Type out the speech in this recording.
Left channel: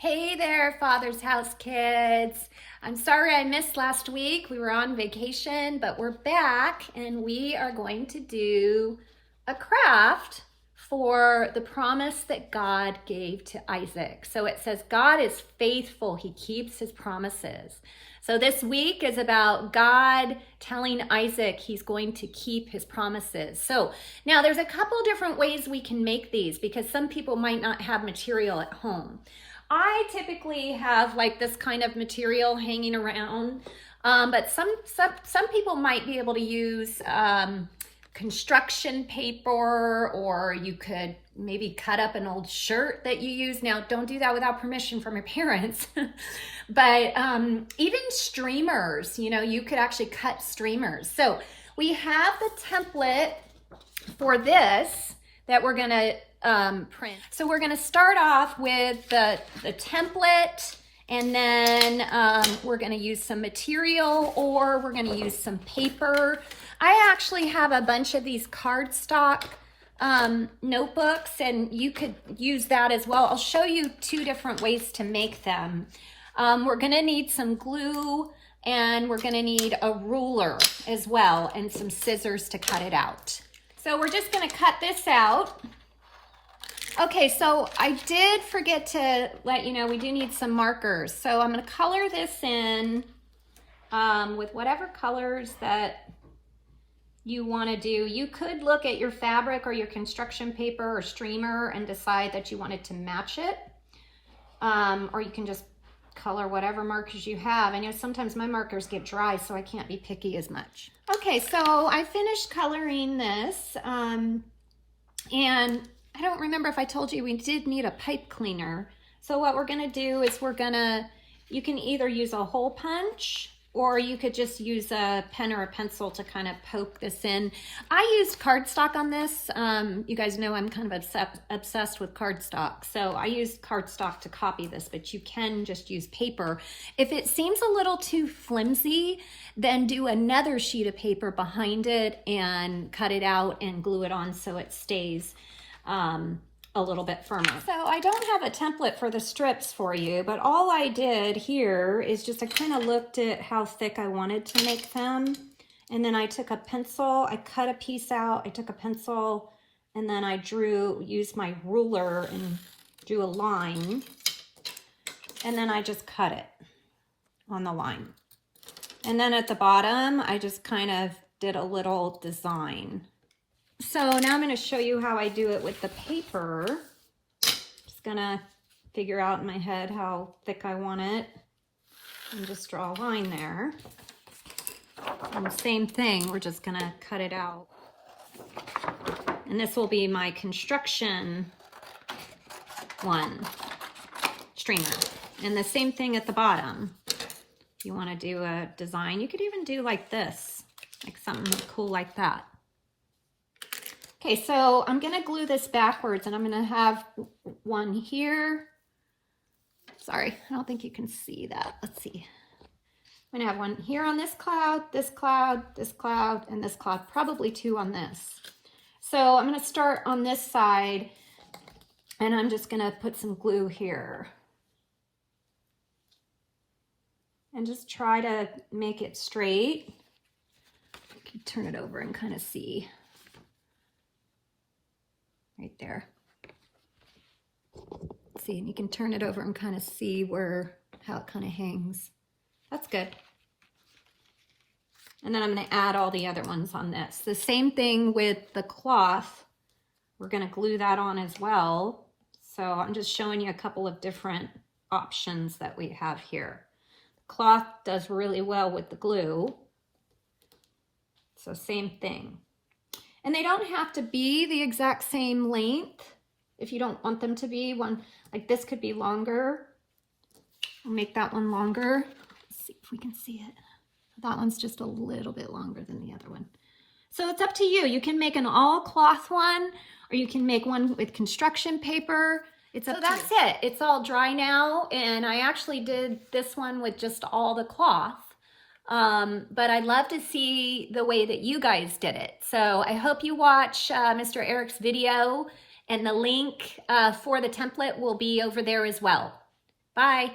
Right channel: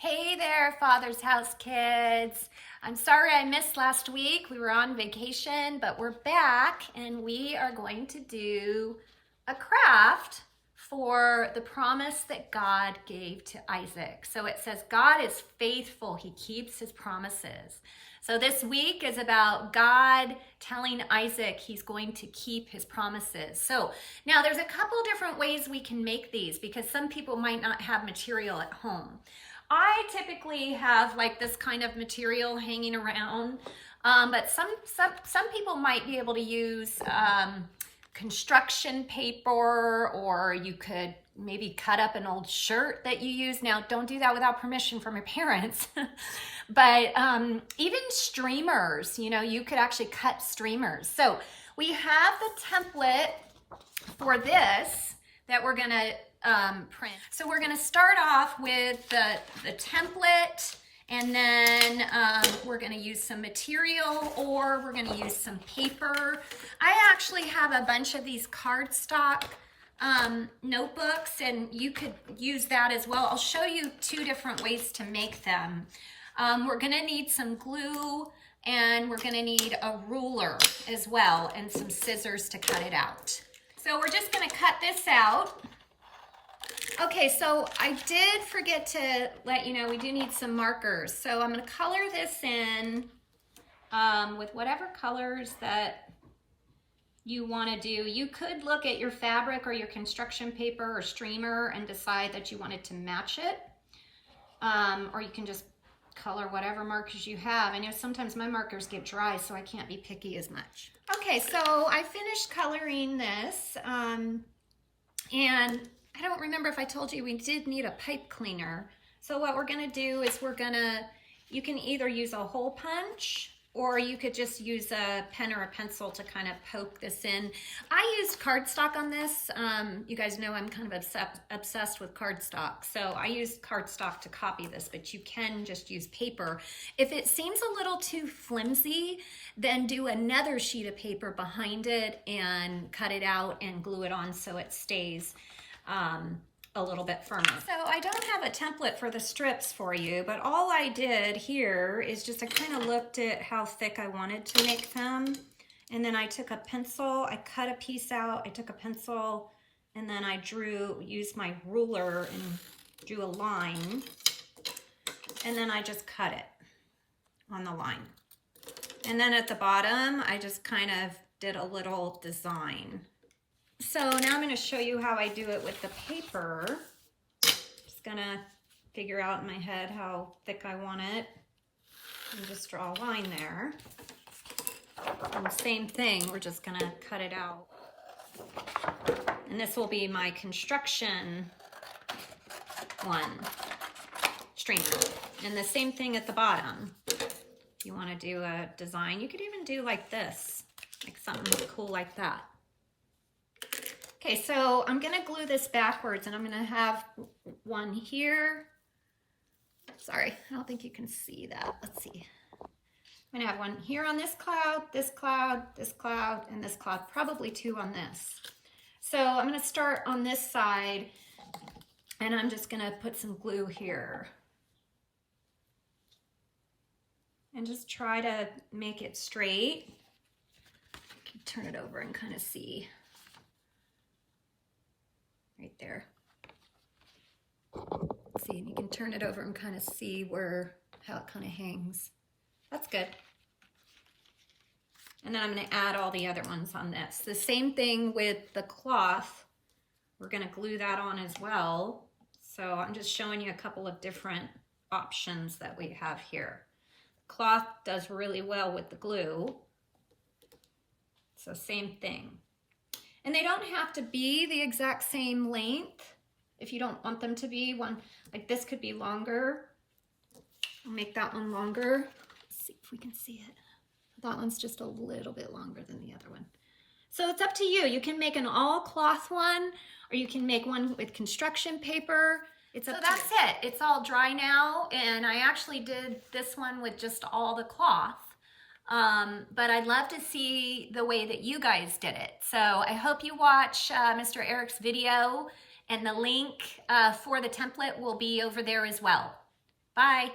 Hey there, Father's House kids. I'm sorry I missed last week. We were on vacation, but we're back and we are going to do a craft for the promise that God gave to Isaac. So it says, God is faithful. He keeps his promises. So this week is about God telling Isaac he's going to keep his promises. So now there's a couple different ways we can make these because some people might not have material at home. I typically have like this kind of material hanging around, but some people might be able to use construction paper, or you could maybe cut up an old shirt that you use. Now, don't do that without permission from your parents. But even streamers, you could actually cut streamers. So we have the template for this that we're going to print. So we're going to start off with the template, and then we're going to use some material, or we're going to use some paper. I actually have a bunch of these cardstock notebooks, and you could use that as well. I'll show you two different ways to make them. We're going to need some glue, and we're going to need a ruler as well, and some scissors to cut it out. So we're just going to cut this out. Okay, so I did forget to let you know we do need some markers. So I'm going to color this in with whatever colors that you want to do. You could look at your fabric or your construction paper or streamer and decide that you wanted to match it. Or you can just color whatever markers you have. I know sometimes my markers get dry, so I can't be picky as much. Okay, so I finished coloring this, and I don't remember if I told you we did need a pipe cleaner. So what we're gonna do is you can either use a hole punch, or you could just use a pen or a pencil to kind of poke this in. I used cardstock on this. You guys know I'm kind of obsessed with cardstock. So I used cardstock to copy this, but you can just use paper. If it seems a little too flimsy, then do another sheet of paper behind it and cut it out and glue it on so it stays a little bit firmer. So I don't have a template for the strips for you, but all I did here is just I kind of looked at how thick I wanted to make them, and then I took a pencil, I cut a piece out, I took a pencil, and then I used my ruler and drew a line, and then I just cut it on the line. And then at the bottom, I just kind of did a little design. So now I'm going to show you how I do it with the paper. Just going to figure out in my head how thick I want it and just draw a line there. And the same thing, we're just going to cut it out. And this will be my construction streamer. And the same thing at the bottom. If you want to do a design, you could even do like this, like something cool like that. Okay, so I'm going to glue this backwards, and I'm going to have one here. Sorry, I don't think you can see that. Let's see. I'm going to have one here on this cloud, this cloud, this cloud, and this cloud, probably two on this. So I'm going to start on this side, and I'm just going to put some glue here. And just try to make it straight. You can turn it over and kind of see. Right there. See, you can turn it over and kind of see how it kind of hangs. That's good. And then I'm going to add all the other ones on this. The same thing with the cloth. We're going to glue that on as well. So I'm just showing you a couple of different options that we have here. The cloth does really well with the glue. So same thing. And they don't have to be the exact same length if you don't want them to be. One like this could be longer. I'll make that one longer. Let's see if we can see it. That one's just a little bit longer than the other one. So it's up to you. You can make an all cloth one, or you can make one with construction paper. So that's it. It's all dry now, and I actually did this one with just all the cloth. But I'd love to see the way that you guys did it. So I hope you watch Mr. Eric's video, and the link for the template will be over there as well. Bye.